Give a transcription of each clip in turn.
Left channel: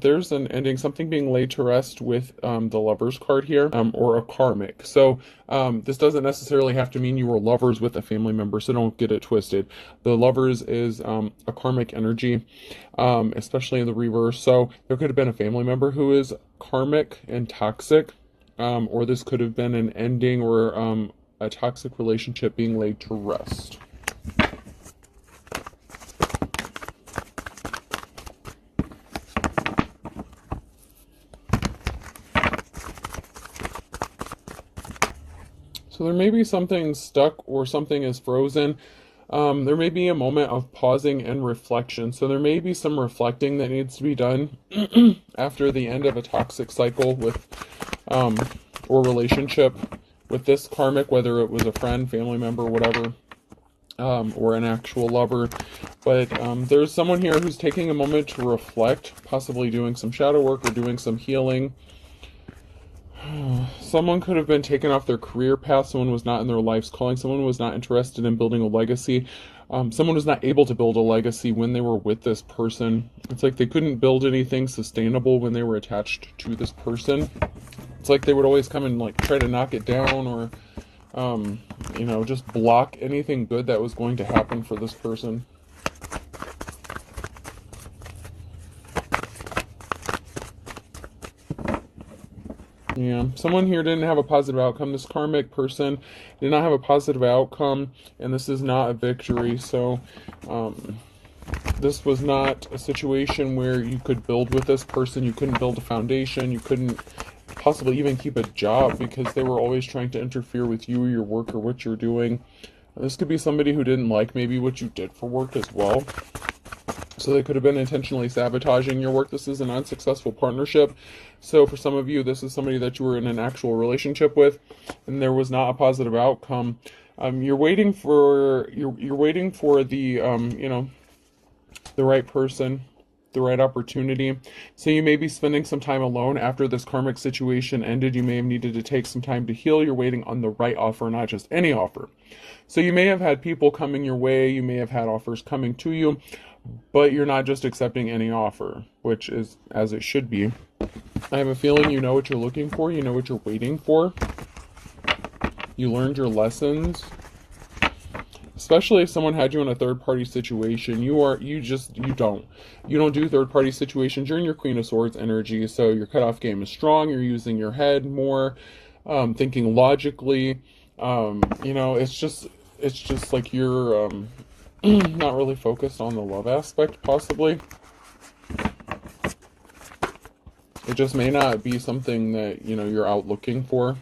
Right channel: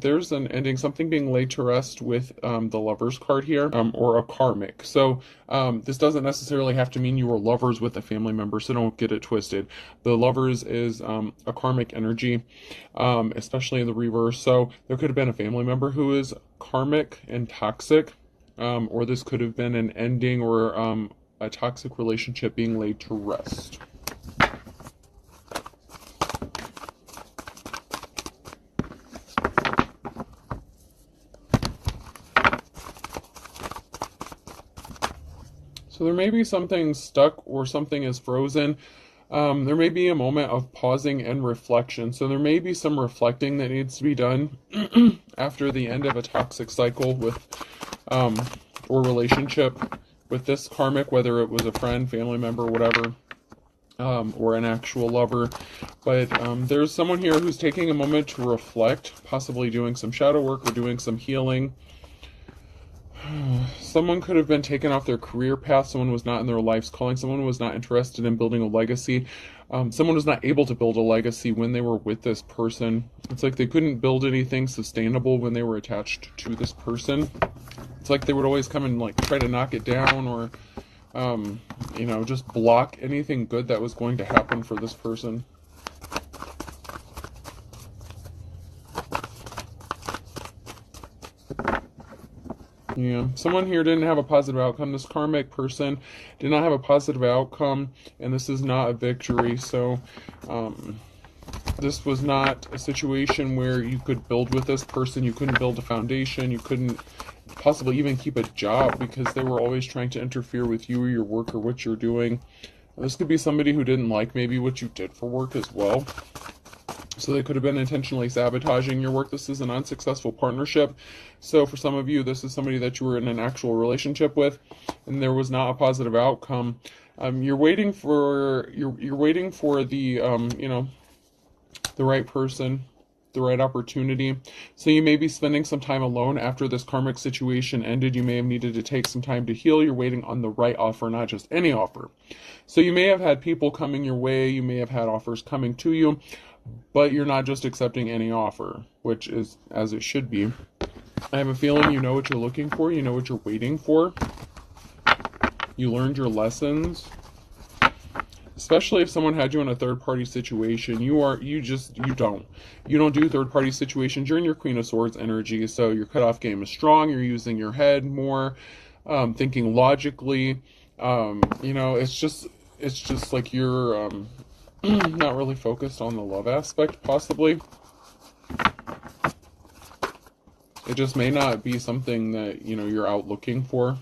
there's an ending, something being laid to rest with the Lovers card here, or a karmic. So this doesn't necessarily have to mean you were lovers with a family member, so don't get it twisted. The Lovers is a karmic energy, especially in the reverse. So there could have been a family member who is karmic and toxic, or this could have been an ending or a toxic relationship being laid to rest. So there may be something stuck or something is frozen. There may be a moment of pausing and reflection. So there may be some reflecting that needs to be done after the end of a toxic cycle with or relationship with this karmic, whether it was a friend, family member, whatever, or an actual lover. But there's someone here who's taking a moment to reflect, possibly doing some shadow work or doing some healing. Someone could have been taken off their career path. Someone was not in their life's calling. Someone was not interested in building a legacy. Someone was not able to build a legacy when they were with this person. It's like they couldn't build anything sustainable when they were attached to this person. It's like they would always come and like try to knock it down, or you know, just block anything good that was going to happen for this person. Yeah, someone here didn't have a positive outcome. This karmic person did not have a positive outcome, and this is not a victory. So this was not a situation where you could build with this person. You couldn't build a foundation. You couldn't possibly even keep a job because they were always trying to interfere with you or your work or what you're doing. This could be somebody who didn't like maybe what you did for work as well. So they could have been intentionally sabotaging your work. This is an unsuccessful partnership. So for some of you, this is somebody that you were in an actual relationship with, and there was not a positive outcome. You're waiting for you're waiting for the you know, the right person, the right opportunity. So you may be spending some time alone after this karmic situation ended. You may have needed to take some time to heal. You're waiting on the right offer, not just any offer. So you may have had people coming your way. You may have had offers coming to you, but you're not just accepting any offer, which is as it should be. I have a feeling you know what you're looking for. You know what you're waiting for. You learned your lessons. Especially if someone had you in a third-party situation. You don't do third-party situations. You're in your Queen of Swords energy, so your cutoff game is strong. You're using your head more, thinking logically. You know, it's just like you're not really focused on the love aspect, possibly. It just may not be something that, you know, you're out looking for.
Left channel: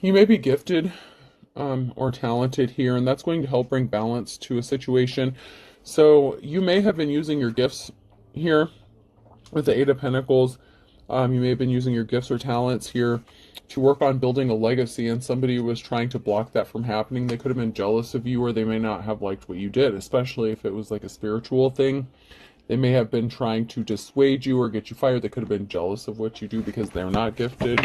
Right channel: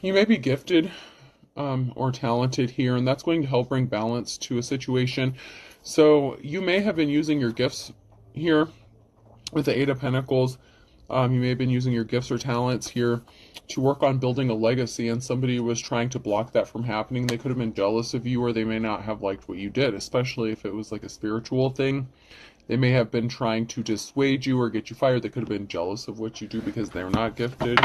You may be gifted or talented here, and that's going to help bring balance to a situation. So you may have been using your gifts here with the Eight of Pentacles. You may have been using your gifts or talents here to work on building a legacy, and somebody was trying to block that from happening. They could have been jealous of you, or they may not have liked what you did, especially if it was like a spiritual thing. They may have been trying to dissuade you or get you fired. They could have been jealous of what you do because they're not gifted.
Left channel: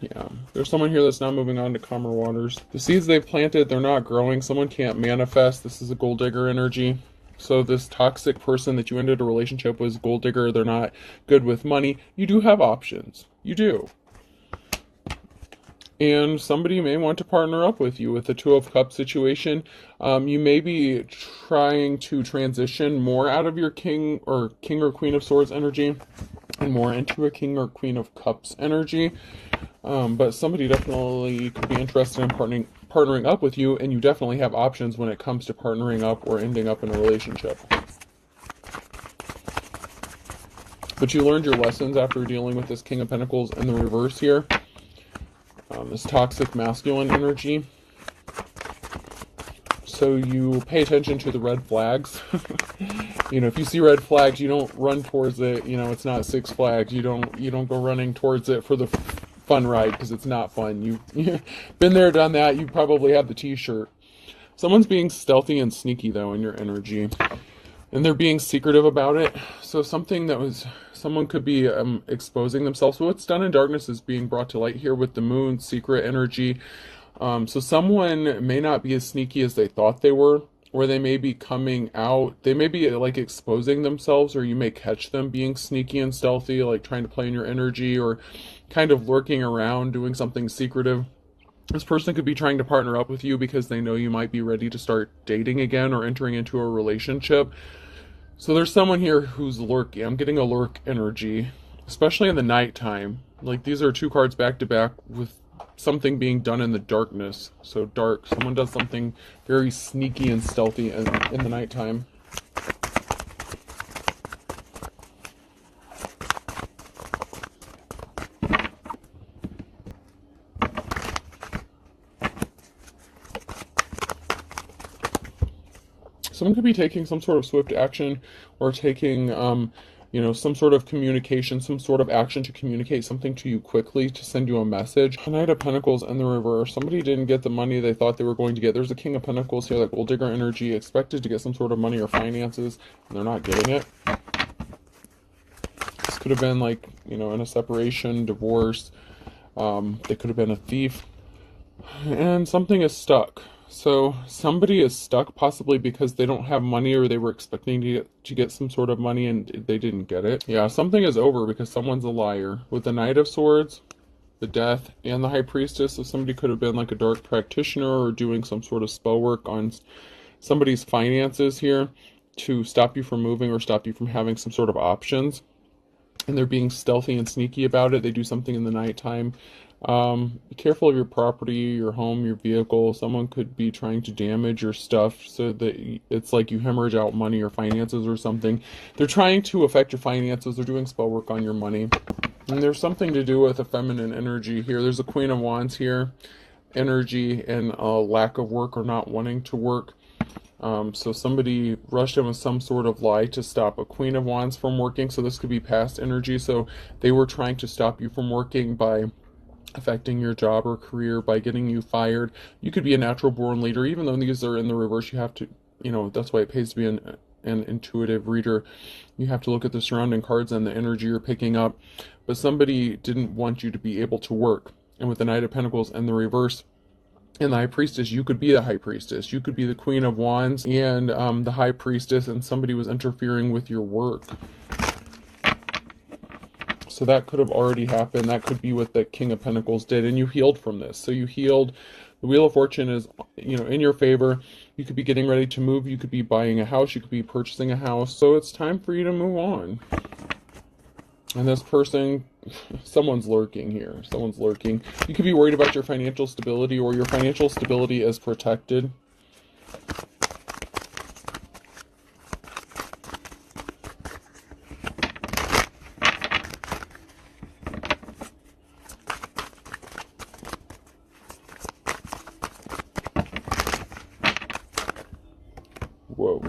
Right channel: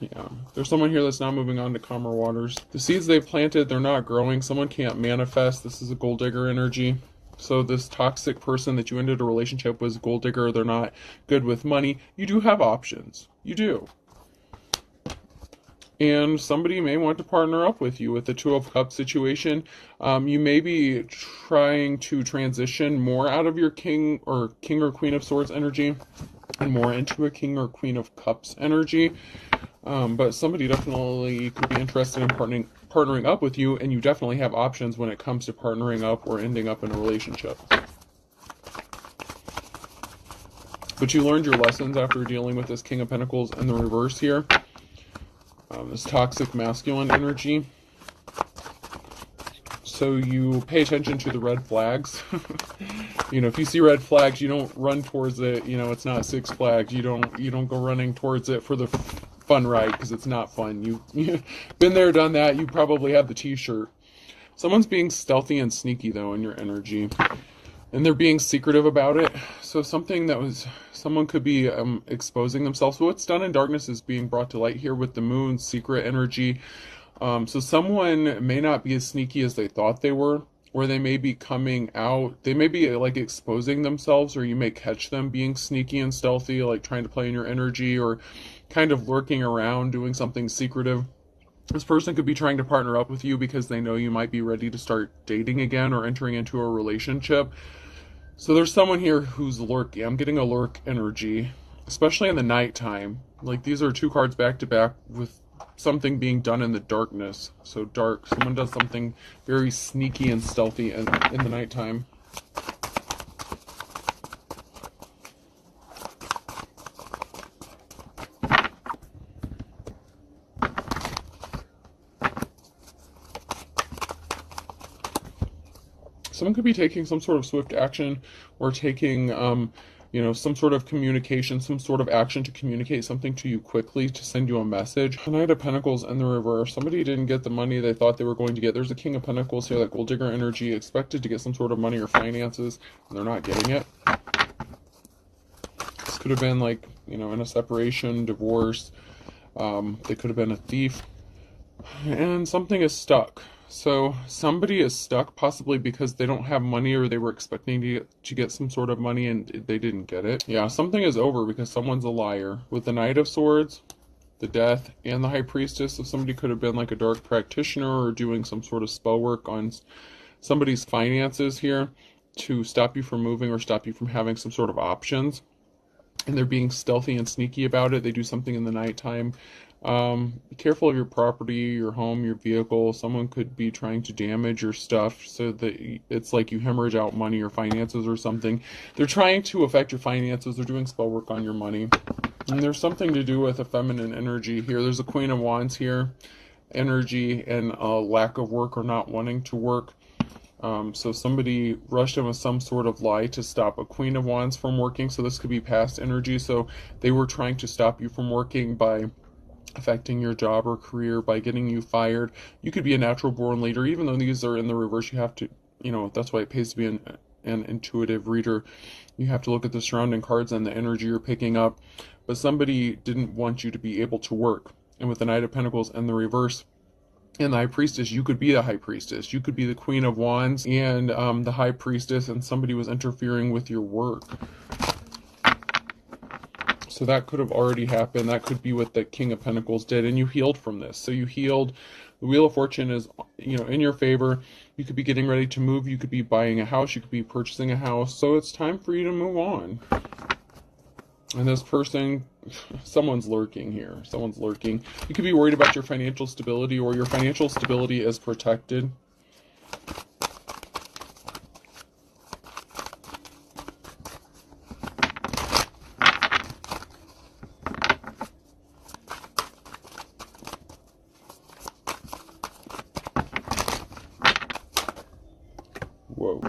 Yeah, there's someone here that's now moving on to calmer waters. The seeds they planted, they're not growing. Someone can't manifest. This is a gold digger energy. So this toxic person that you ended a relationship with is a gold digger. They're not good with money. You do have options. You do. And somebody may want to partner up with you with the Two of Cups situation. You may be trying to transition more out of your King or Queen of Swords energy and more into a King or Queen of Cups energy. But somebody definitely could be interested in partnering up with you, and you definitely have options when it comes to partnering up or ending up in a relationship. But you learned your lessons after dealing with this King of Pentacles in the reverse here. This toxic masculine energy. So you pay attention to the red flags. You know, if you see red flags, you don't run towards it. You know, it's not Six Flags. You don't go running towards it for the fun ride, because it's not fun. You've been there, done that. You probably have the t-shirt. Someone's being stealthy and sneaky though in your energy, and they're being secretive about it. So someone could be exposing themselves. So what's done in darkness is being brought to light here with the moon's secret energy. So someone may not be as sneaky as they thought they were. or they may be coming out. They may be like exposing themselves, or you may catch them being sneaky and stealthy, like trying to play in your energy, or kind of lurking around doing something secretive. This person could be trying to partner up with you because they know you might be ready to start dating again or entering into a relationship. So there's someone here who's lurking. I'm getting a lurk energy, especially in the nighttime. Like, these are two cards back to back with something being done in the darkness. So dark. Someone does something very sneaky and stealthy in the nighttime. Someone could be taking some sort of swift action, or taking, some sort of communication, some sort of action to communicate something to you quickly, to send you a message. The Knight of Pentacles in the reverse. Somebody didn't get the money they thought they were going to get. There's a King of Pentacles here, that gold digger energy, expected to get some sort of money or finances, and they're not getting it. This could have been like, in a separation, divorce. They could have been a thief. And something is stuck. So somebody is stuck, possibly because they don't have money, or they were expecting to get some sort of money and they didn't get it. Yeah, something is over because someone's a liar. With the Knight of Swords, the Death, and the High Priestess, so somebody could have been like a dark practitioner or doing some sort of spell work on somebody's finances here to stop you from moving or stop you from having some sort of options. And they're being stealthy and sneaky about it. They do something in the nighttime. Be careful of your property, your home, your vehicle. Someone could be trying to damage your stuff so that it's like you hemorrhage out money or finances or something. They're trying to affect your finances. They're doing spell work on your money. And there's something to do with a feminine energy here. There's a Queen of Wands here. Energy and a lack of work or not wanting to work. So somebody rushed in with some sort of lie to stop a Queen of Wands from working. So this could be past energy. So they were trying to stop you from working by affecting your job or career, by getting you fired. You could be a natural born leader. Even though these are in the reverse, you have to, that's why it pays to be an intuitive reader. You have to look at the surrounding cards and the energy you're picking up. But somebody didn't want you to be able to work. And with the Knight of Pentacles and the reverse, and the High Priestess, you could be the High Priestess. You could be the Queen of Wands and the High Priestess, and somebody was interfering with your work. So that could have already happened. That could be what the King of Pentacles did, and you healed from this. So you healed. The Wheel of Fortune is, in your favor. You could be getting ready to move. You could be buying a house. You could be purchasing a house. So it's time for you to move on. And this person, someone's lurking here. Someone's lurking. You could be worried about your financial stability, or your financial stability is protected. Whoa.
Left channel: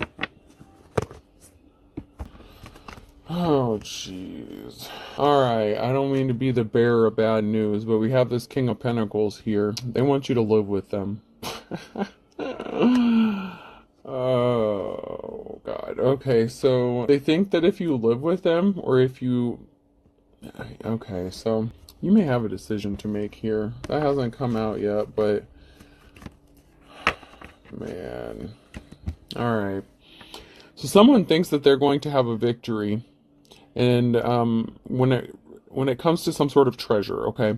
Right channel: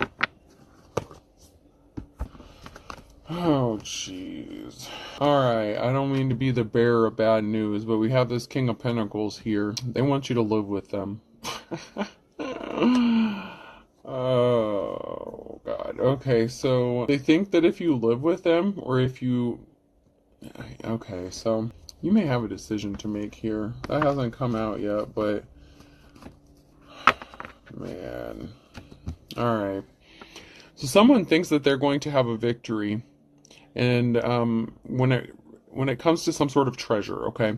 Oh, jeez. Alright, I don't mean to be the bearer of bad news, but we have this King of Pentacles here. They want you to live with them. Oh, God. Okay, so they think that if you live with them, or if you... Okay, so you may have a decision to make here. That hasn't come out yet, but... Man... Alright, so someone thinks that they're going to have a victory, and when it comes to some sort of treasure, okay?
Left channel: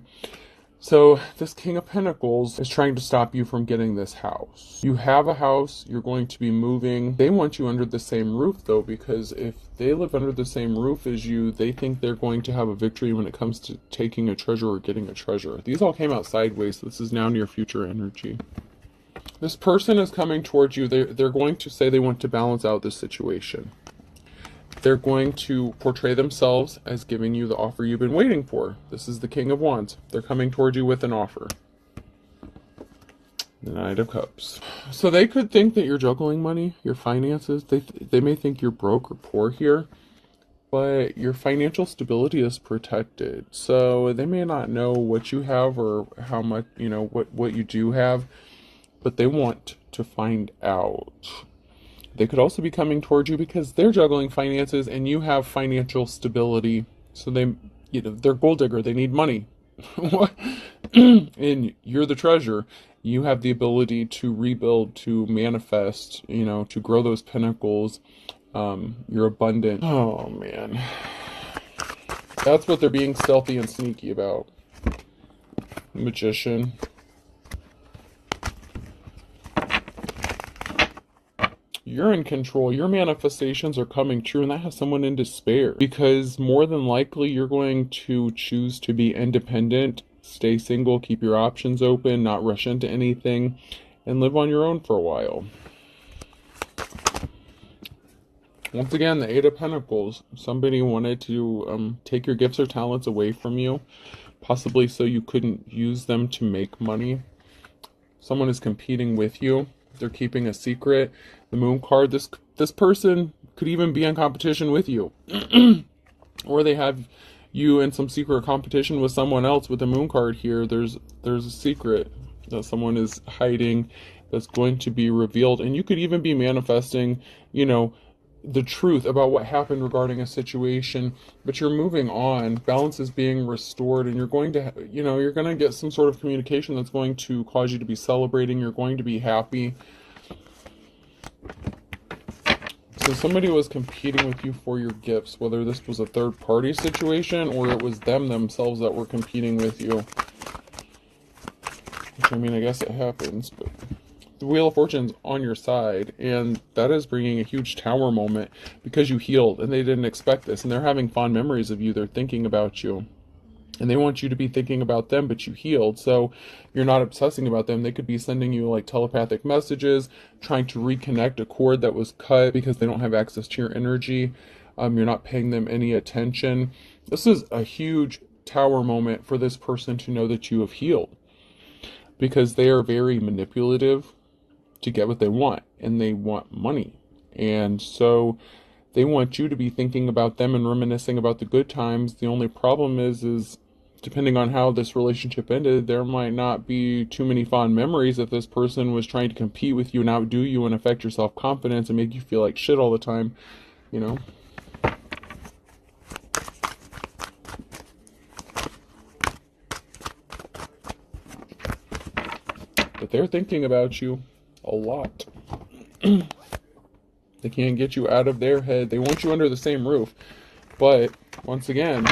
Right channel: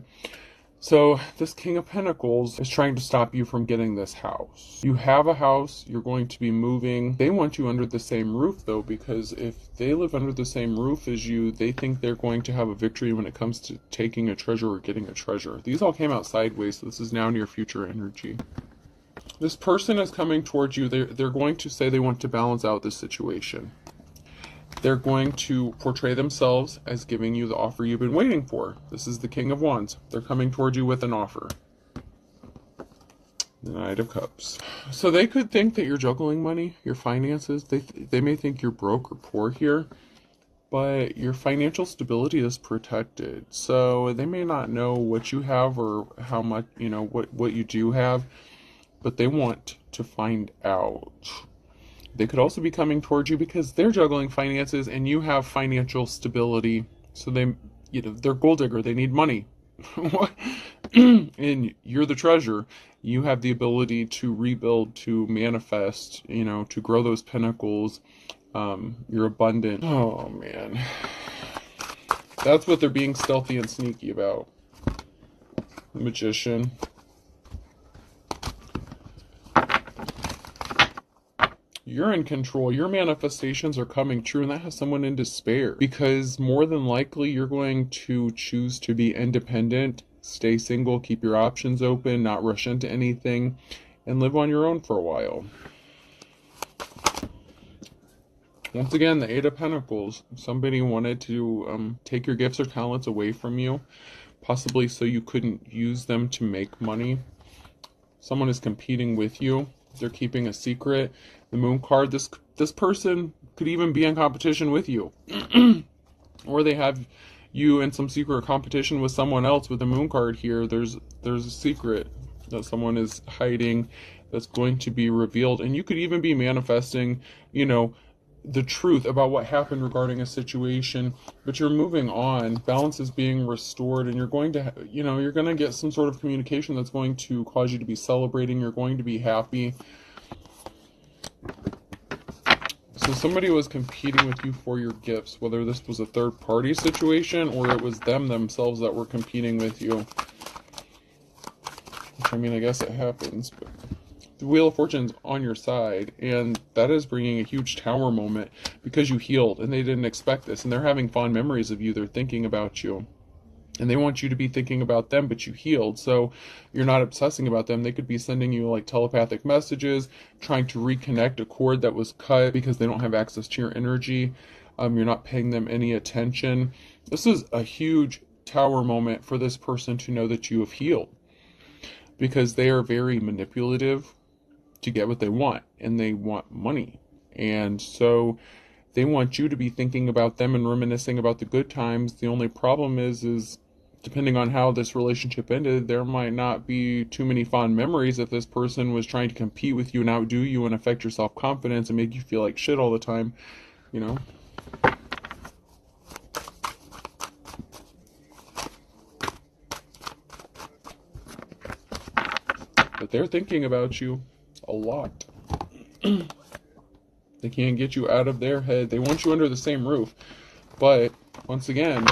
So this King of Pentacles is trying to stop you from getting this house. You have a house, you're going to be moving. They want you under the same roof, though, because if they live under the same roof as you, they think they're going to have a victory when it comes to taking a treasure or getting a treasure. These all came out sideways, so this is now near future energy. This person is coming towards you. They're going to say they want to balance out this situation. They're going to portray themselves as giving you the offer you've been waiting for. This is the King of Wands. They're coming towards you with an offer. The Knight of Cups. So they could think that you're juggling money, your finances. They may think you're broke or poor here, but your financial stability is protected. So they may not know what you have or how much, what you do have, but they want to find out. They could also be coming towards you because they're juggling finances and you have financial stability. So they're gold digger. They need money. What? And you're the treasure. you have the ability to rebuild, to manifest, you know, to grow those pinnacles. You're abundant. Oh man, that's what they're being stealthy and sneaky about. Magician. You're in control. Your manifestations are coming true, and that has someone in despair. Because more than likely, you're going to choose to be independent, stay single, keep your options open, not rush into anything, and live on your own for a while. Once again, the Eight of Pentacles. Somebody wanted to take your gifts or talents away from you, possibly so you couldn't use them to make money. Someone is competing with you. They're keeping a secret. The Moon card, this person could even be in competition with you. Or they have you in some secret competition with someone else. With the Moon card here, there's a secret that someone is hiding that's going to be revealed. And you could even be manifesting, you know, the truth about what happened regarding a situation, but you're moving on. Balance is being restored, and you're going to, you know, you're going to get some sort of communication that's going to cause you to be celebrating. You're going to be happy. So somebody was competing with you for your gifts, whether this was a third party situation or it was them themselves that were competing with you. Which, I mean, I guess it happens, but the Wheel of Fortune's on your side, and that is bringing a huge tower moment because you healed and they didn't expect this, and they're having fond memories of you. They're thinking about you, and they want you to be thinking about them, but you healed, so you're not obsessing about them. They could be sending you like telepathic messages, trying to reconnect a cord that was cut because they don't have access to your energy. You're not paying them any attention. This is a huge tower moment for this person to know that you have healed, because they are very manipulative to get what they want, and they want money. And so they want you to be thinking about them and reminiscing about the good times. The only problem is depending on how this relationship ended, there might not be too many fond memories if this person was trying to compete with you and outdo you and affect your self-confidence and make you feel like shit all the time, you know. But they're thinking about you a lot. They can't get you out of their head. They want you under the same roof. But once again,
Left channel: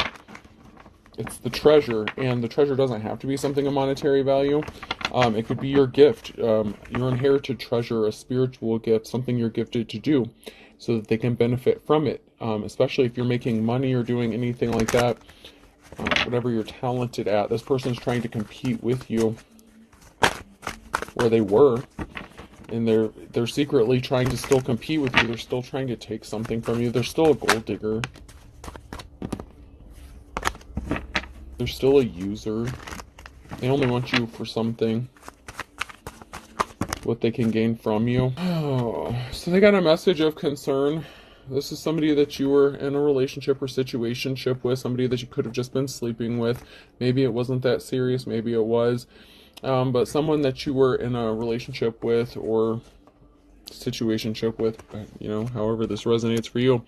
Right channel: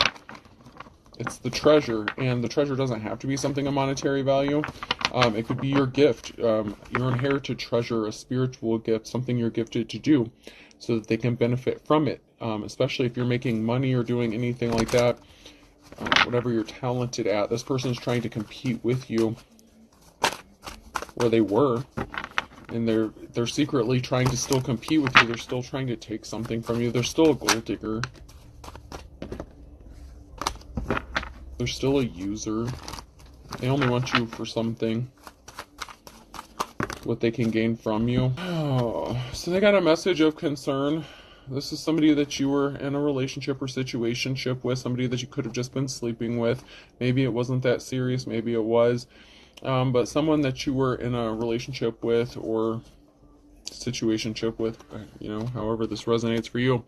it's the treasure, and the treasure doesn't have to be something of monetary value. It could be your gift, your inherited treasure, a spiritual gift, something you're gifted to do so that they can benefit from it. Especially if you're making money or doing anything like that, whatever you're talented at. This person is trying to compete with you, where they were, and they're secretly trying to still compete with you. They're still trying to take something from you. They're still a gold digger. They're still a user. They only want you for something, what they can gain from you. Oh, so they got a message of concern. This is somebody that you were in a relationship or situationship with, somebody that you could have just been sleeping with. Maybe it wasn't that serious, maybe it was. But someone that you were in a relationship with or situationship with, you know, however this resonates for you.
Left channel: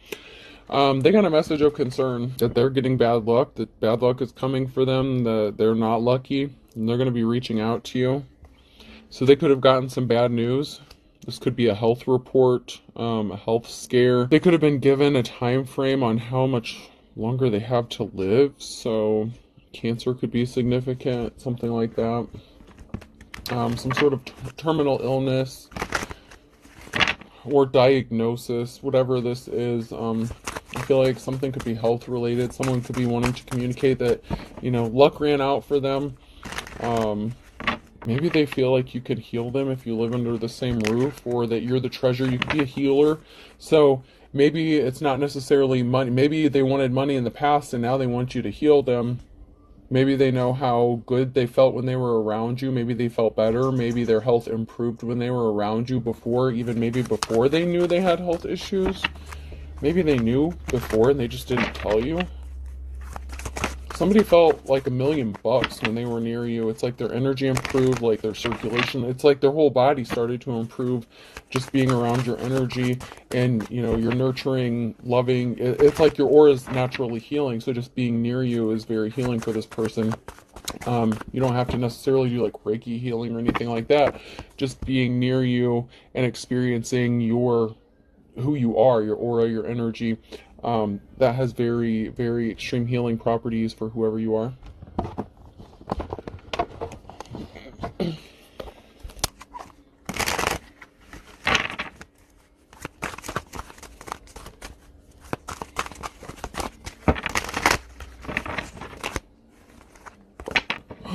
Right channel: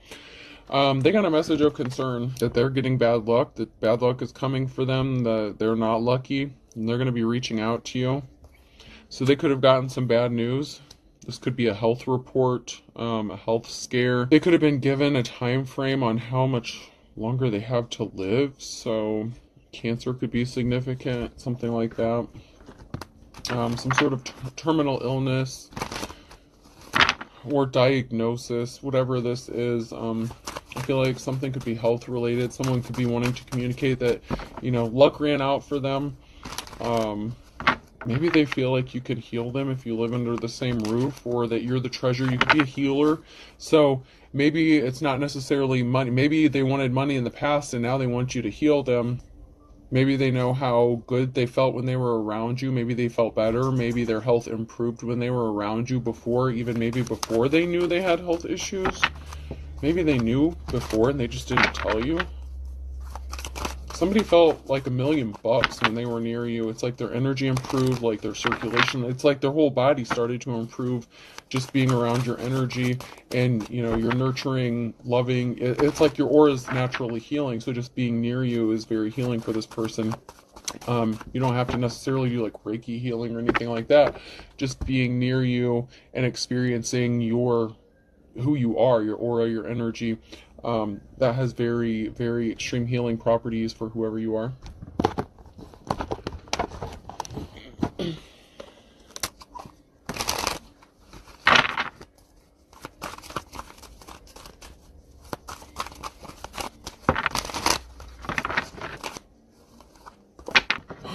They got a message of concern that they're getting bad luck, that bad luck is coming for them, that they're not lucky, and they're going to be reaching out to you. So they could have gotten some bad news. This could be a health report, a health scare. They could have been given a time frame on how much longer they have to live. So cancer could be significant, something like that. Some sort of terminal illness or diagnosis, whatever this is. I feel like something could be health related. Someone could be wanting to communicate that, you know, luck ran out for them. Maybe they feel like you could heal them if you live under the same roof, or that you're the treasure. You could be a healer. So maybe it's not necessarily money. Maybe they wanted money in the past and now they want you to heal them. Maybe they know how good they felt when they were around you. Maybe they felt better. Maybe their health improved when they were around you before, even maybe before they knew they had health issues. Maybe they knew before and they just didn't tell you. Somebody felt like $1,000,000 when they were near you. It's like their energy improved, like their circulation. It's like their whole body started to improve just being around your energy, and, you know, you're nurturing, loving. It's like your aura is naturally healing, so just being near you is very healing for this person. You don't have to necessarily do like Reiki healing or anything like that. Just being near you and experiencing who you are, your aura, your energy, that has very, very extreme healing properties for whoever you are.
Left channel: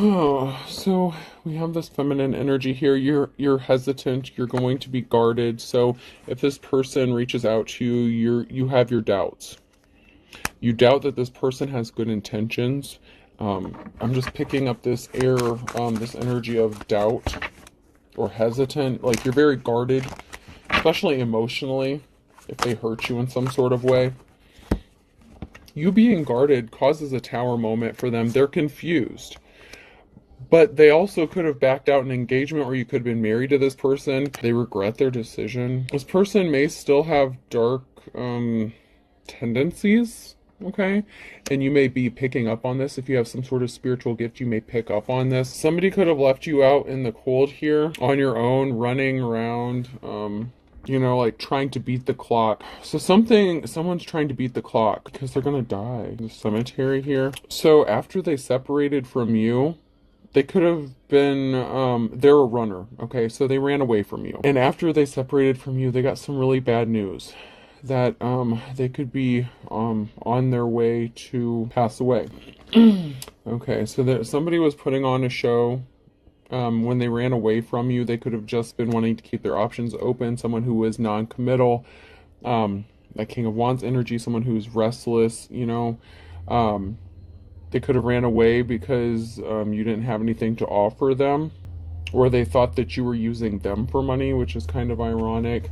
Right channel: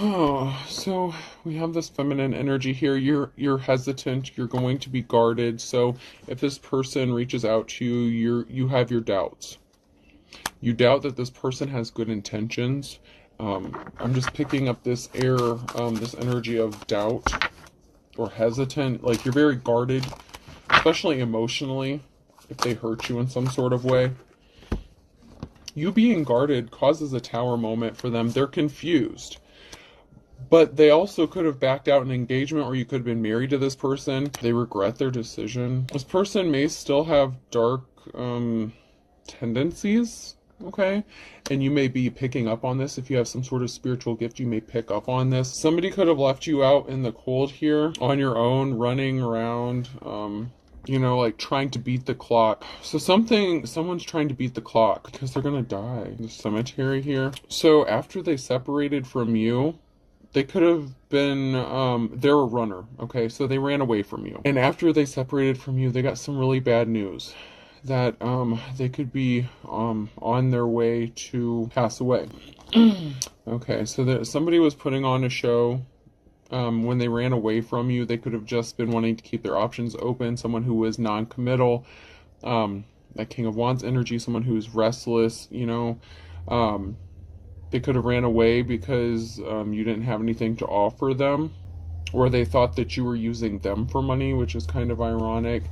Oh, so we have this feminine energy here. You're hesitant, you're going to be guarded. So if this person reaches out to you, you have your doubts. You doubt that this person has good intentions. I'm just picking up this air, this energy of doubt or hesitant. Like you're very guarded, especially emotionally, if they hurt you in some sort of way. You being guarded causes a tower moment for them. They're confused. But they also could have backed out an engagement where you could have been married to this person. They regret their decision. This person may still have dark tendencies, okay? And you may be picking up on this. If you have some sort of spiritual gift, you may pick up on this. Somebody could have left you out in the cold here on your own, running around, you know, like trying to beat the clock. So someone's trying to beat the clock because they're gonna die. The cemetery here. So after they separated from you, they could have been, they're a runner, okay? So they ran away from you. And after they separated from you, they got some really bad news. That they could be on their way to pass away. Okay, so somebody was putting on a show. When they ran away from you, they could have just been wanting to keep their options open. Someone who was non-committal. The King of Wands energy, someone who's restless, you know. They could have ran away because you didn't have anything to offer them, or they thought that you were using them for money, which is kind of ironic.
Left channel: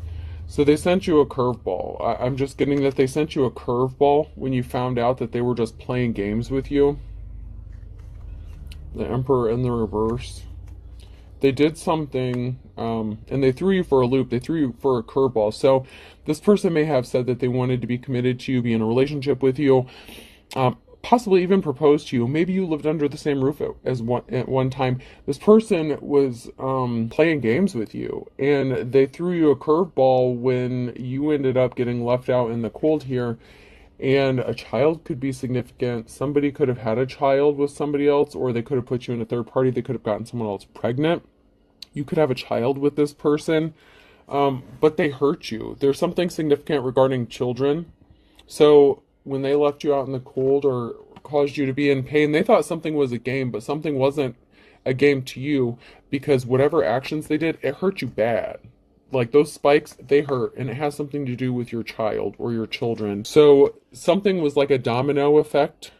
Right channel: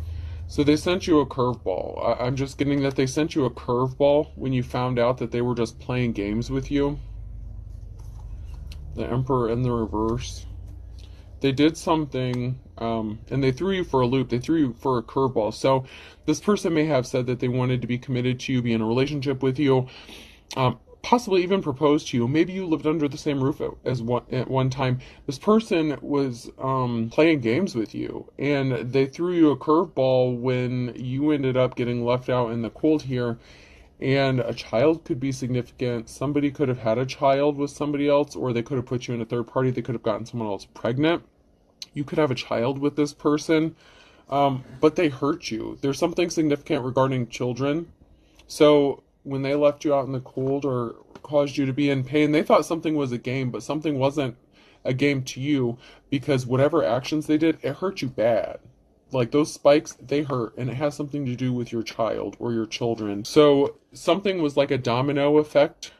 So they sent you a curveball. I'm just getting that they sent you a curveball when you found out that they were just playing games with you. The Emperor in the reverse. They did something, and they threw you for a loop. They threw you for a curveball. So this person may have said that they wanted to be committed to you, be in a relationship with you, possibly even propose to you. Maybe you lived under the same roof at one time. This person was playing games with you, and they threw you a curveball when you ended up getting left out in the cold here. And a child could be significant. Somebody could have had a child with somebody else, or they could have put you in a third party. They could have gotten someone else pregnant. You could have a child with this person, but they hurt you. There's something significant regarding children. So when they left you out in the cold or caused you to be in pain, they thought something was a game, but something wasn't a game to you, because whatever actions they did, it hurt you bad. Like those spikes, they hurt, and it has something to do with your child or your children. So something was like a domino effect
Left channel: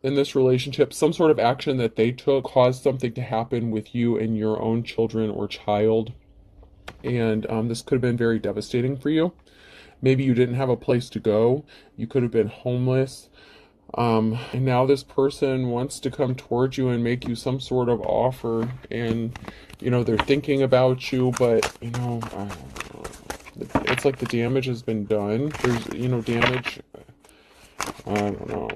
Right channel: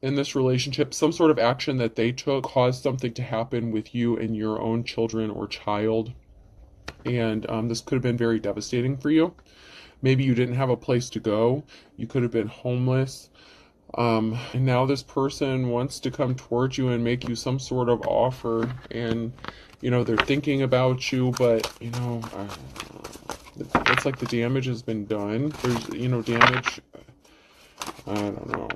in this relationship. Some sort of action that they took caused something to happen with you and your own children or child. And this could have been very devastating for you. Maybe you didn't have a place to go. You could have been homeless. And now this person wants to come towards you and make you some sort of offer. And, you know, they're thinking about you, but, you know, I don't know. It's like the damage has been done. There's, you know, damage. I don't know.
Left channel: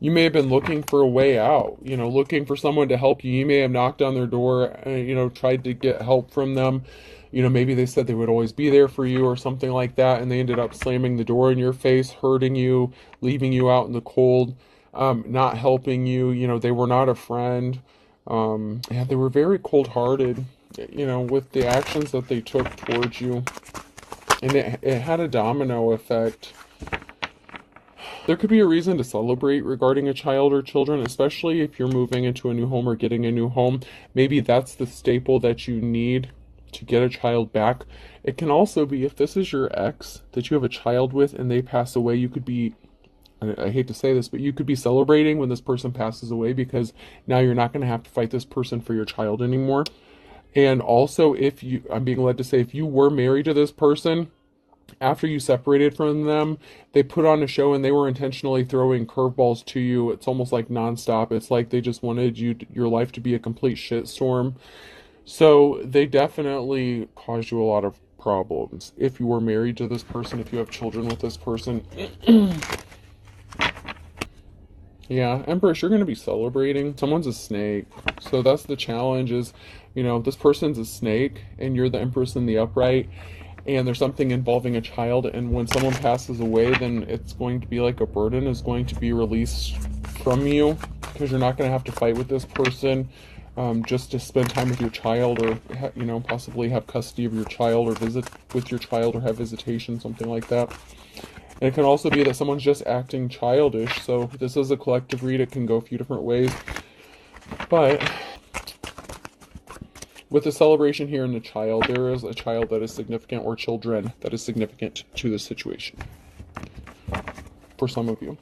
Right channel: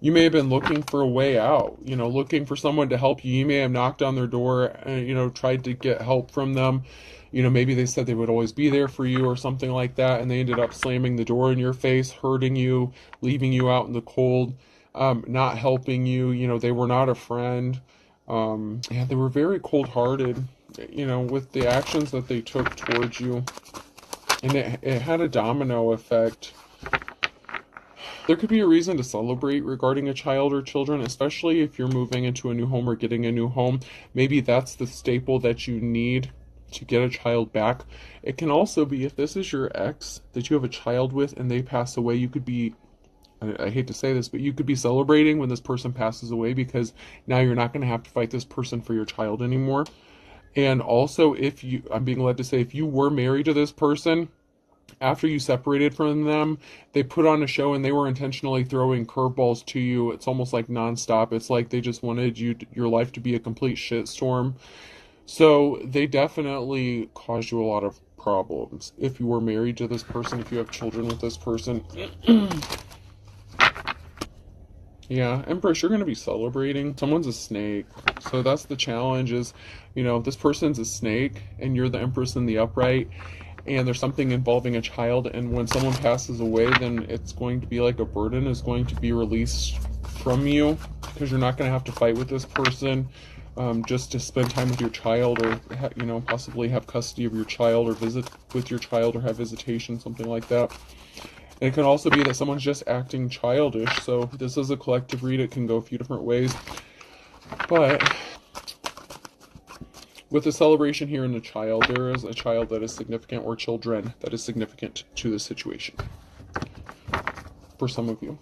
You may have been looking for a way out, you know, looking for someone to help you. You may have knocked on their door, you know, tried to get help from them. You know, maybe they said they would always be there for you or something like that, and they ended up slamming the door in your face, hurting you, leaving you out in the cold, not helping you. You know, they were not a friend. Yeah, they were very cold-hearted, you know, with the actions that they took towards you. And it had a domino effect. There could be a reason to celebrate regarding a child or children, especially if you're moving into a new home or getting a new home. Maybe that's the staple that you need to get a child back. It can also be, if this is your ex that you have a child with and they pass away, you could be, I hate to say this, but you could be celebrating when this person passes away, because now you're not going to have to fight this person for your child anymore. And also, if you, I'm being led to say, if you were married to this person, after you separated from them, they put on a show and they were intentionally throwing curveballs to you. It's almost like nonstop. It's like they just wanted your life to be a complete shitstorm. So they definitely caused you a lot of problems. If you were married to this person, if you have children with this person. Yeah, Empress, you're going to be celebrating. Someone's a snake. So that's the challenge is, you know, this person's a snake and you're the Empress in the upright and there's something involving a child, and when someone passes away, then it's going to be like a burden is going to be released from you, because you're not going to have to fight with this person just to spend time with your child, or you know, possibly have custody of your child, or visit with your child, or have visitation, something like that. And it can also be that someone's just acting childish. So this is a collective read. It can go a few different ways, but with the celebration here in the child, there is a child that is significant, or children that is significant to this situation for some of you.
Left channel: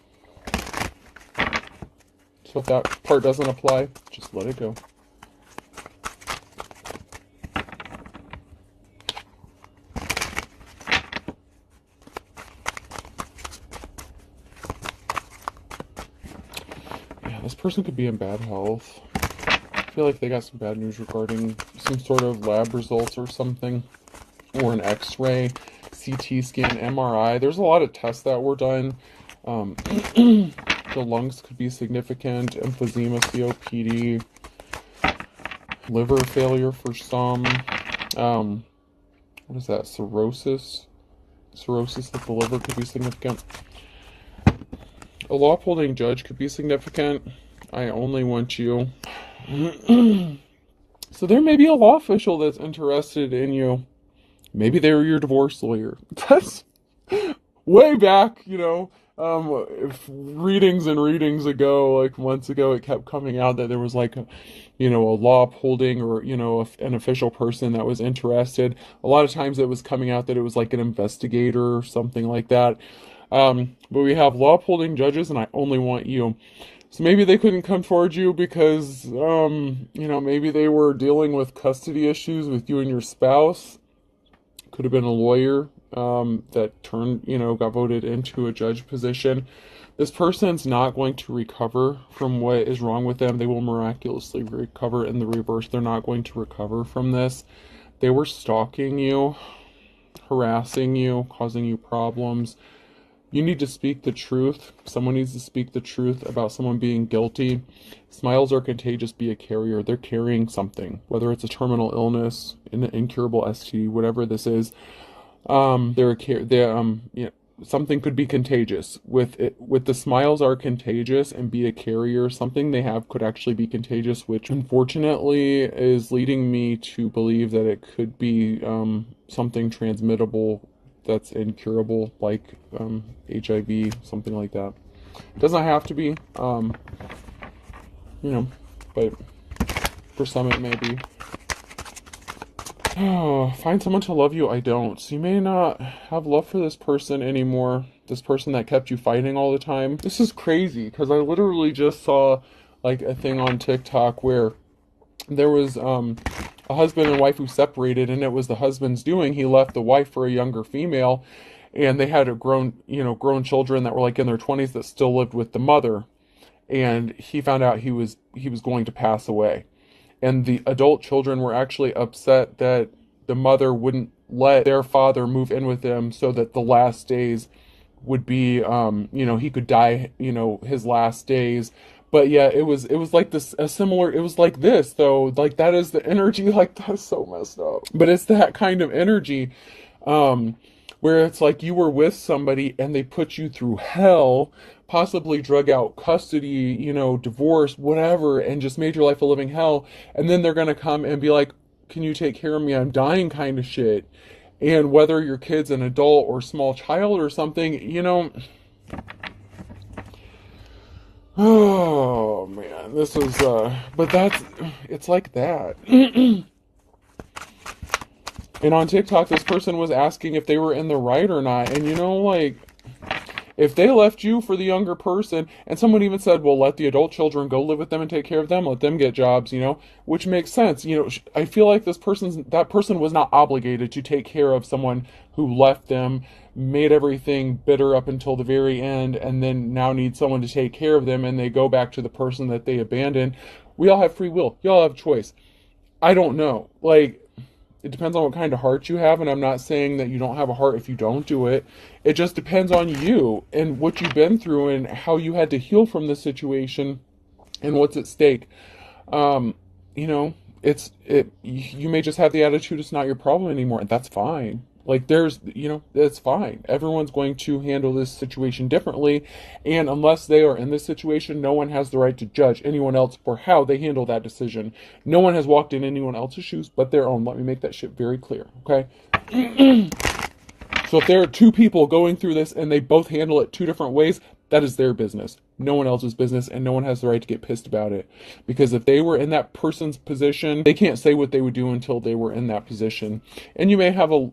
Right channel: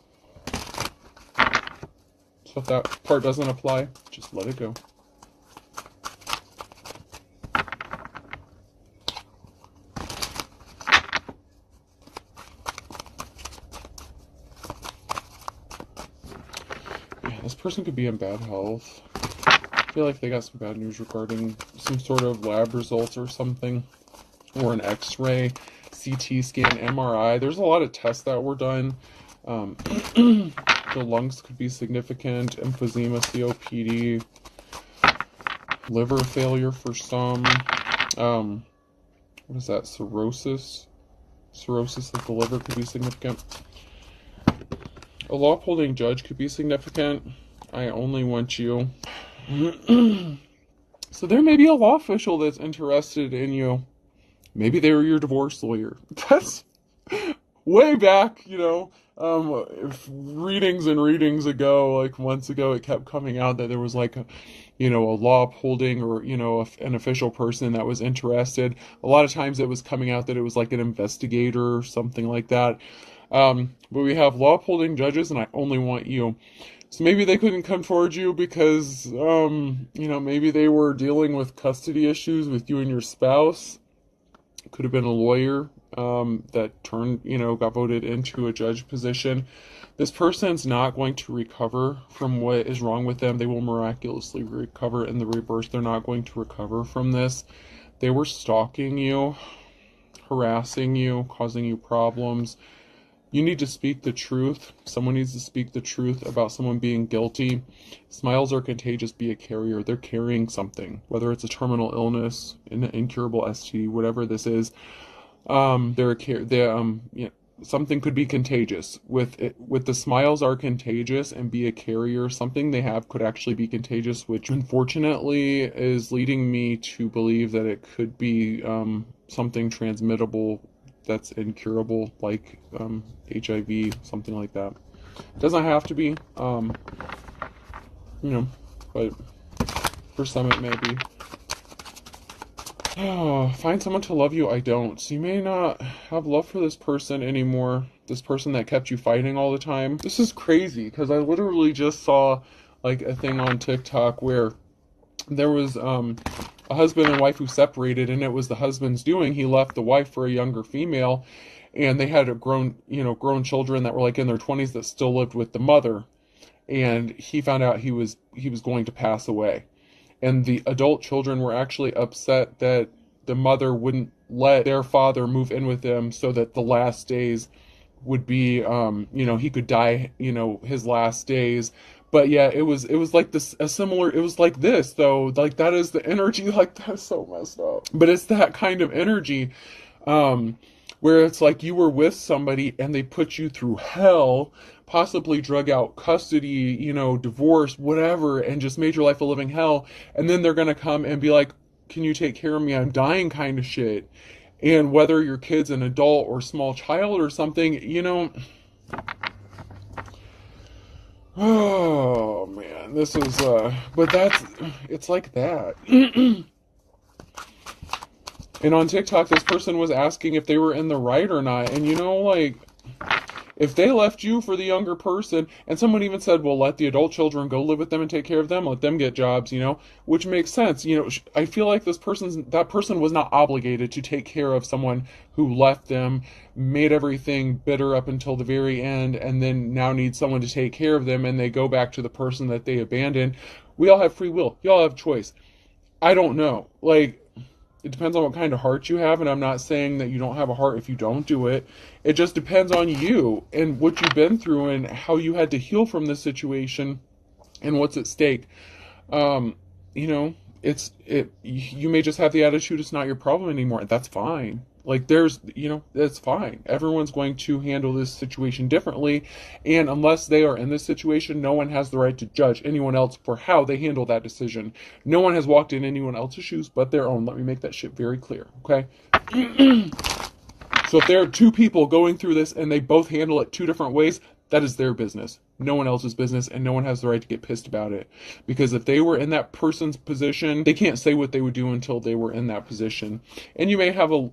So if that part doesn't apply, just let it go. Yeah, this person could be in bad health. I feel like they got some bad news regarding some sort of lab results or something, or an x-ray, CT scan, MRI. There's a lot of tests that were done. The lungs could be significant, emphysema, COPD, liver failure for some. What is that? Cirrhosis? Cirrhosis of the liver could be significant. A law-upholding judge could be significant. I only want you. So there may be a law official that's interested in you. Maybe they're your divorce lawyer. That's way back, you know, readings and readings ago, like months ago, it kept coming out that there was like a, you know, a law upholding, or, you know, an official person that was interested. A lot of times it was coming out that it was like an investigator or something like that. But we have law upholding judges, and I only want you. So maybe they couldn't come towards you because, you know, maybe they were dealing with custody issues with you and your spouse. Could have been a lawyer that turned, you know, got voted into a judge position. This person's not going to recover from what is wrong with them. They will miraculously recover. In the reverse, they're not going to recover from this. They were stalking you, harassing you, causing you problems. You need to speak the truth. Someone needs to speak the truth about someone being guilty. Smiles are contagious. Be a carrier. They're carrying something, whether it's a terminal illness, an incurable STD, whatever this is. Something could be contagious. With the smiles are contagious and be a carrier, something they have could actually be contagious, which unfortunately is leading me to believe that it could be something transmittable that's incurable, like HIV, something like that. Doesn't have to be, you know, but for some it may be. Find someone to love you. I don't. So you may not have love for this person anymore. This person that kept you fighting all the time. This is crazy, because I literally just saw like a thing on TikTok where there was a husband and wife who separated, and it was the husband's doing. He left the wife for a younger female, and they had grown children that were like in their 20s that still lived with the mother. And he found out he was going to pass away. And the adult children were actually upset that the mother wouldn't let their father move in with them, so that the last days would be, he could die, his last days. But yeah, it was like this, it was like this, though. Like, that is the energy. Like, that's so messed up. But it's that kind of energy, where it's like you were with somebody and they put you through hell, possibly drug out custody, divorce, whatever, and just made your life a living hell. And then they're going to come and be like, can you take care of me? I'm dying, kind of shit. And whether your kid's an adult or small child or something, oh man, this is, but it's like that. And on TikTok, this person was asking if they were in the right or not. And if they left you for the younger person, and someone even said, well, let the adult children go live with them and take care of them, let them get jobs, which makes sense. I feel like that person was not obligated to take care of someone who left them, made everything bitter up until the very end, and then now needs someone to take care of them, and they go back to the person that they abandoned. We all have free will. You all have choice. I don't know. It depends on what kind of heart you have, and I'm not saying that you don't have a heart if you don't do it. It just depends on you and what you've been through and how you had to heal from this situation and what's at stake. You know, you may just have the attitude it's not your problem anymore. That's fine. Like it's fine. Everyone's going to handle this situation differently, and unless they are in this situation, no one has the right to judge anyone else for how they handle that decision. No one has walked in anyone else's shoes but their own. Let me make that shit very clear, okay? So if there are two people going through this and they both handle it two different ways, that is their business. No one else's business, and no one has the right to get pissed about it. Because if they were in that person's position, they can't say what they would do until they were in that position. And you may have a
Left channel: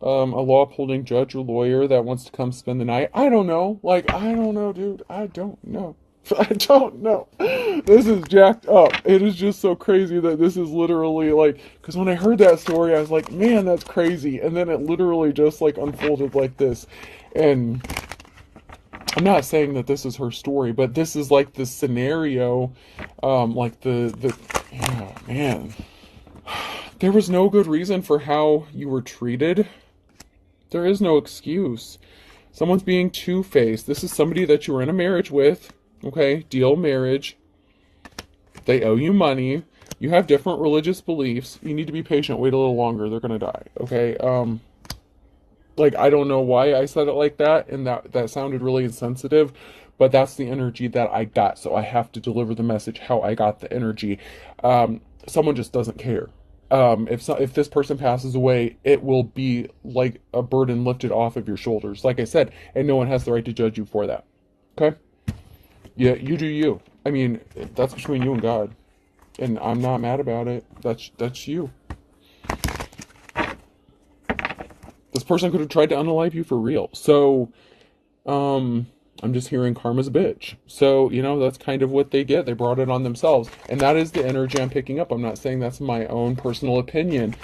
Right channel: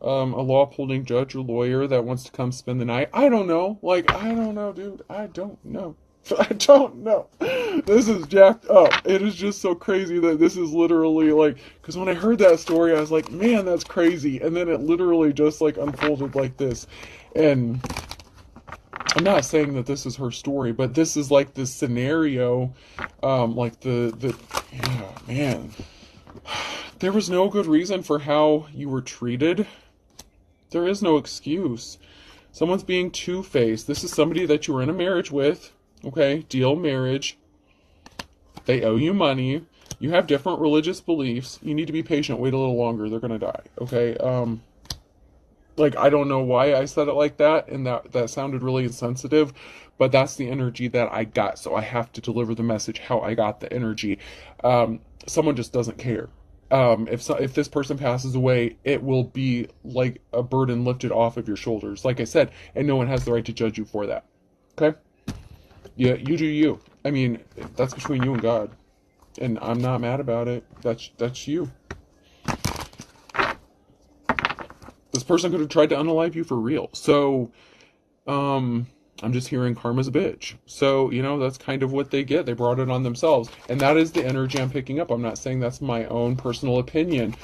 law-upholding judge or lawyer that wants to come spend the night. I don't know. Like, I don't know, dude. I don't know. I don't know. This is jacked up. It is just so crazy that this is literally like, because when I heard that story, I was like, man, that's crazy. And then it literally just like unfolded like this. And I'm not saying that this is her story, but this is like the scenario, oh man. There was no good reason for how you were treated. There is no excuse. Someone's being two-faced. This is somebody that you were in a marriage with. Okay, deal marriage. They owe you money. You have different religious beliefs. You need to be patient. Wait a little longer. They're going to die. Okay? I don't know why I said it like that, and that sounded really insensitive, but that's the energy that I got, so I have to deliver the message how I got the energy. Someone just doesn't care. If this person passes away, it will be like a burden lifted off of your shoulders, like I said, and no one has the right to judge you for that. Okay? Yeah, you do you. I mean, that's between you and God, and I'm not mad about it. That's you. This person could have tried to unalive you for real. So, I'm just hearing karma's a bitch. So, that's kind of what they get. They brought it on themselves. And that is the energy I'm picking up. I'm not saying that's my own personal opinion.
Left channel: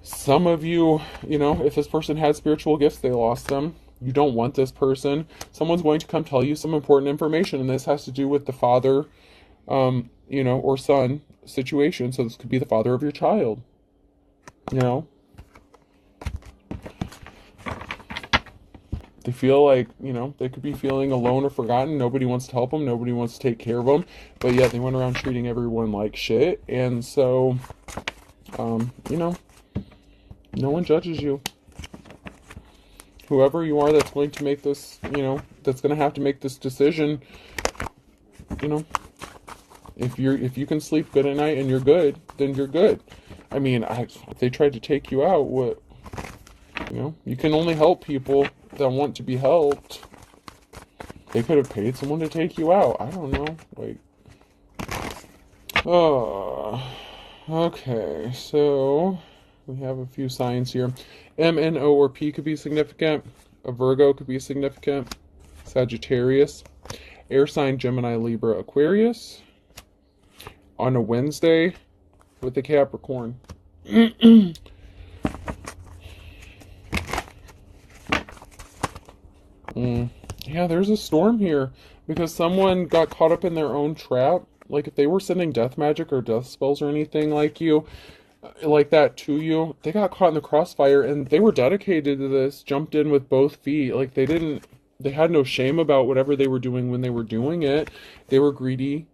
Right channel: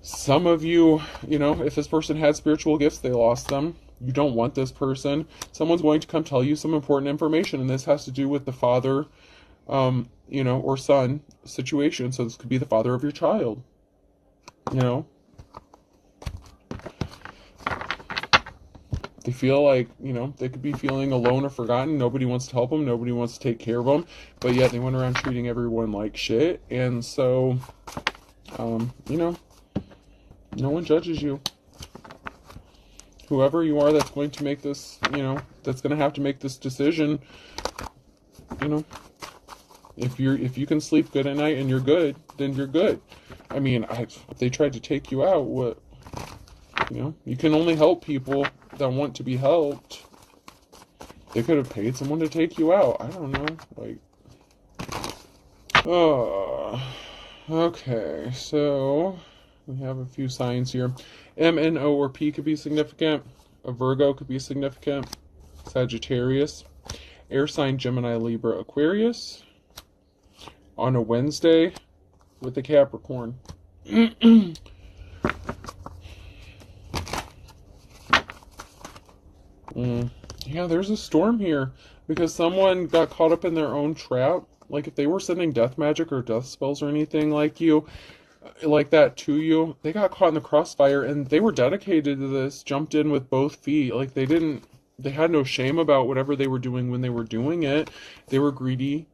Some of you, if this person had spiritual gifts, they lost them. You don't want this person. Someone's going to come tell you some important information. And this has to do with the father, or son situation. So this could be the father of your child. They feel like, they could be feeling alone or forgotten. Nobody wants to help them. Nobody wants to take care of them. But yet they went around treating everyone like shit. And so, no one judges you. Whoever you are that's going to make this, that's going to have to make this decision, if you can sleep good at night and you're good, then you're good. I mean, if they tried to take you out, what, you can only help people that want to be helped. They could have paid someone to take you out. I don't know. Okay, so we have a few signs here. M, N, O, or P could be significant. A Virgo could be significant. Sagittarius. Air sign Gemini, Libra, Aquarius. On a Wednesday with the Capricorn. Yeah, there's a storm here because someone got caught up in their own trap. Like if they were sending death magic or death spells or anything like that to you, they got caught in the crossfire and they were dedicated to this, jumped in with both feet. Like they had no shame about whatever they were doing when they were doing it. They were greedy,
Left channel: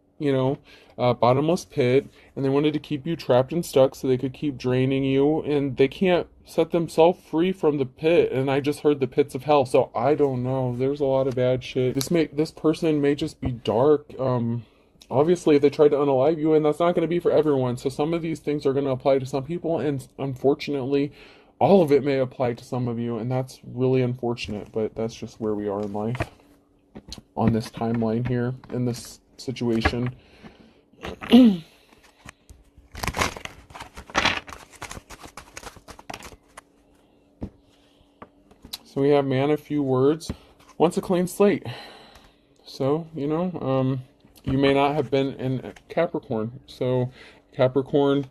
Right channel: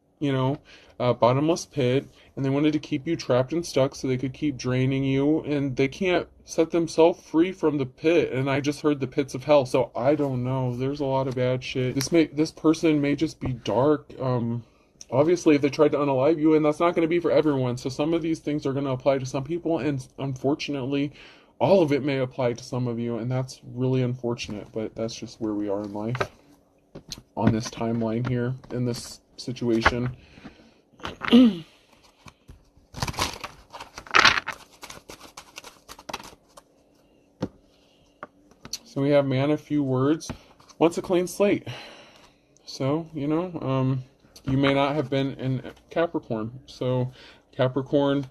bottomless pit, and they wanted to keep you trapped and stuck so they could keep draining you, and they can't set themselves free from the pit. And I just heard the pits of hell, so I don't know. There's a lot of bad shit. This person may just be dark. Obviously, if they tried to unalive you, and that's not going to be for everyone. So some of these things are going to apply to some people, and unfortunately, all of it may apply to some of you, and that's really unfortunate, but that's just where we are in life on this timeline here, in this situation. So we have man of few words, wants a clean slate. So, you may not have been in Capricorn. So Capricorn,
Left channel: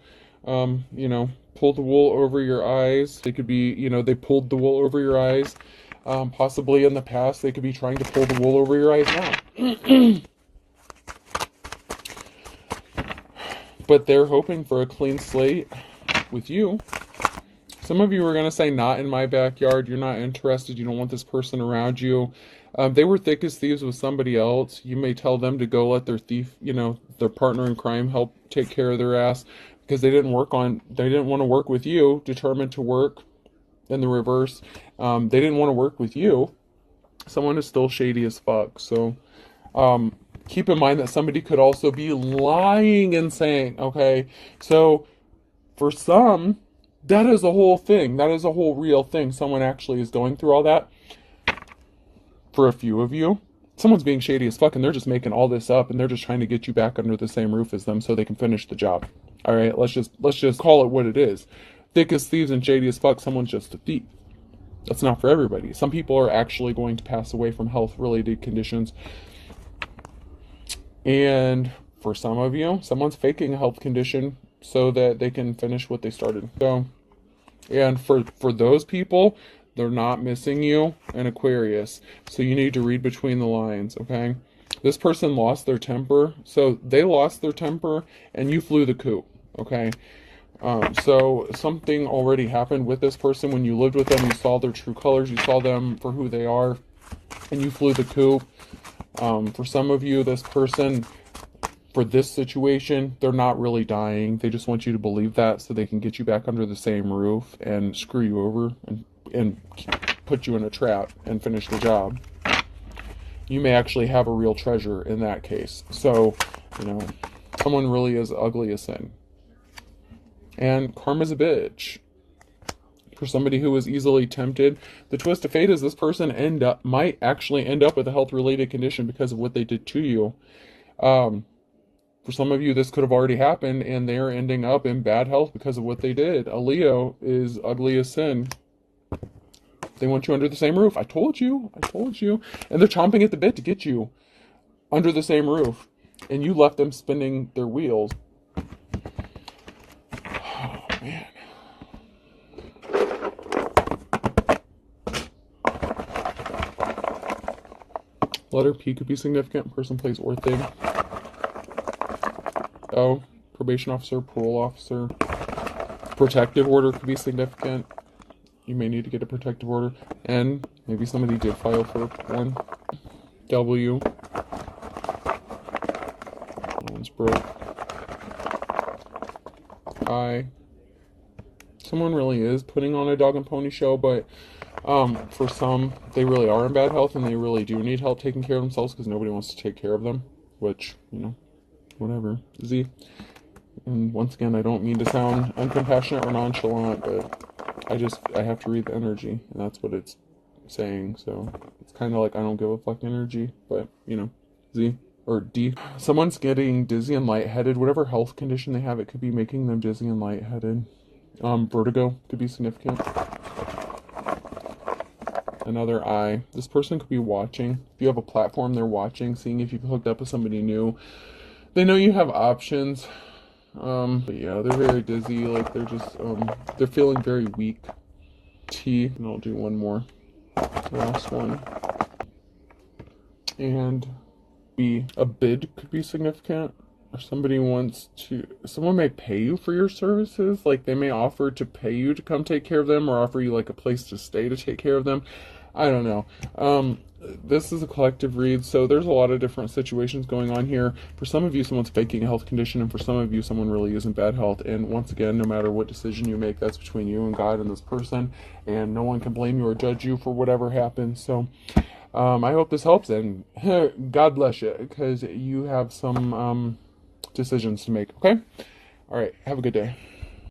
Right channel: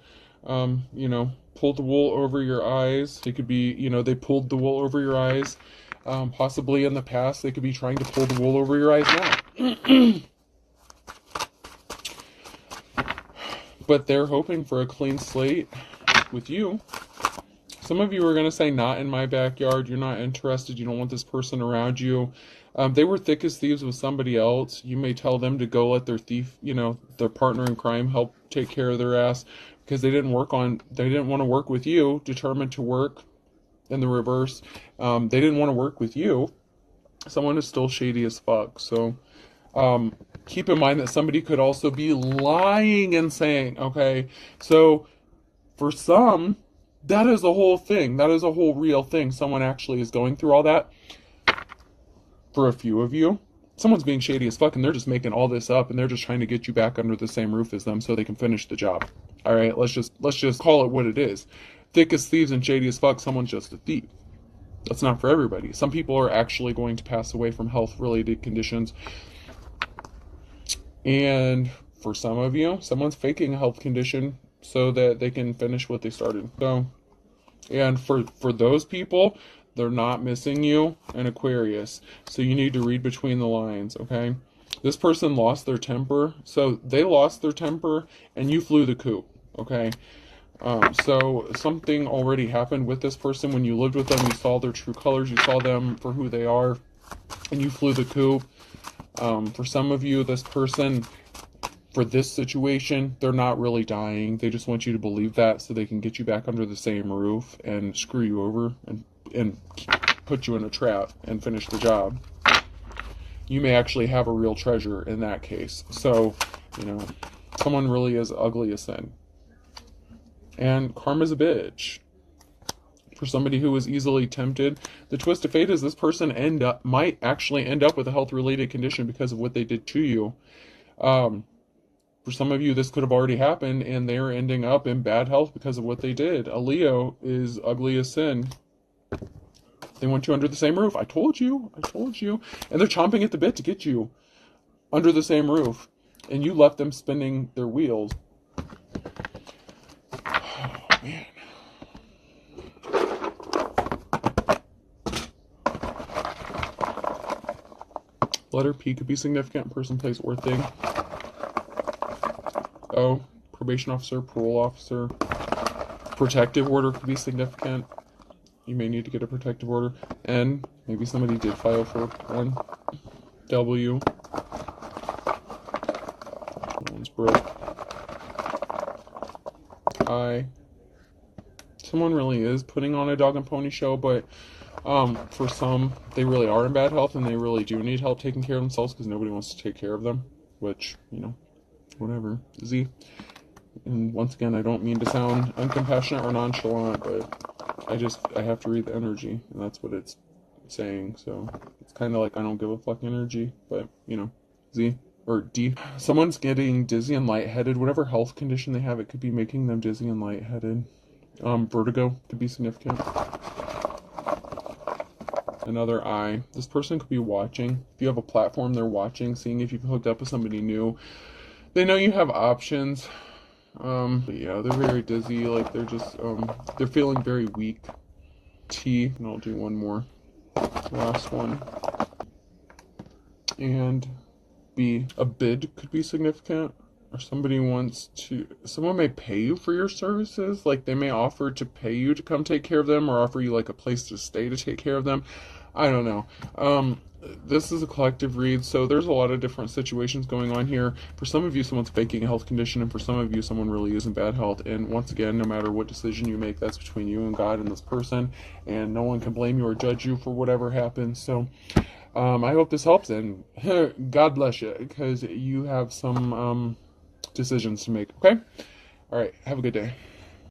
pulled the wool over your eyes. They could be, they pulled the wool over your eyes. Possibly in the past, they could be trying to pull the wool over your eyes now. But they're hoping for a clean slate. with you. Some of you are going to say, not in my backyard. You're not interested. You don't want this person around you. They were thick as thieves with somebody else. You may tell them to go let their thief, their partner in crime, help take care of their ass, because they didn't want to work with you, determined to work in the reverse. They didn't want to work with you. Someone is still shady as fuck. So keep in mind that somebody could also be lying and saying, okay, so for some, that is a whole thing. That is a whole real thing. Someone actually is going through all that. For a few of you, someone's being shady as fuck and they're just making all this up and they're just trying to get you back under the same roof as them so they can finish the job. All right, let's just call it what it is. Thick as thieves and shady as fuck, someone's just a thief. That's not for everybody. Some people are actually going to pass away from health-related conditions. And for some of you, someone's faking a health condition so that they can finish what they started. So, and for those people, they're not missing you in Aquarius. So you need to read between the lines, okay? This person lost their temper. So they lost their temper and you flew the coop, okay? So something already happened with this person when you lived with them. You saw their true colors. You saw them for who they are. And you flew the coop. For some of you, this person, for this situation, they're not really dying. They just want you to believe that so they can get you back under the same roof and screw you over and put you in a trap and finish the job. You may actually have a real treasure in that case. So, someone really is ugly as sin. And karma's a bitch. For somebody who is easily tempted, the twist of fate is this person might actually end up with a health-related condition because of what they did to you. For some of you, this could have already happened, and they're ending up in bad health because of what they did. A Leo is ugly as sin. They want you under the same roof. I told you. And they're chomping at the bit to get you under the same roof. And you left them spinning their wheels. Oh, man. Letter P could be significant. Person, place, or thing. O, probation officer, parole officer. Protective order could be significant. You may need to get a protective order. N, maybe somebody did file for one. W, one's broke. I, someone really is putting on a dog and pony show, but for some, they really are in bad health and they really do need help taking care of themselves because nobody wants to take care of them, which, whatever. Z. And once again, I don't mean to sound uncompassionate or nonchalant, but I have to read the energy, and that's what it's saying. So it's kind of like I don't give a fuck energy, but Z or D. Someone's getting dizzy and lightheaded. Whatever health condition they have, it could be making them dizzy and lightheaded. Vertigo could be significant. Another I. This person could be watching. If you have a platform, they're watching, seeing if you've hooked up with somebody new. They know you have options. Yeah, they're very dizzy. Like they're just, they're feeling very weak. T, and I'll do one more. Last one. And B, a bid could be significant. Or someone may pay you for your services. Like they may offer to pay you to come take care of them or offer you like a place to stay to take care of them. I don't know. This is a collective read, so there's a lot of different situations going on here. For some of you, someone's faking a health condition, and for some of you, someone really is in bad health. And once again, no matter what decision you make, that's between you and God and this person, and no one can blame you or judge you for whatever happens. So I hope this helps, and God bless you, because you have some decisions to make, okay? All right, have a good day.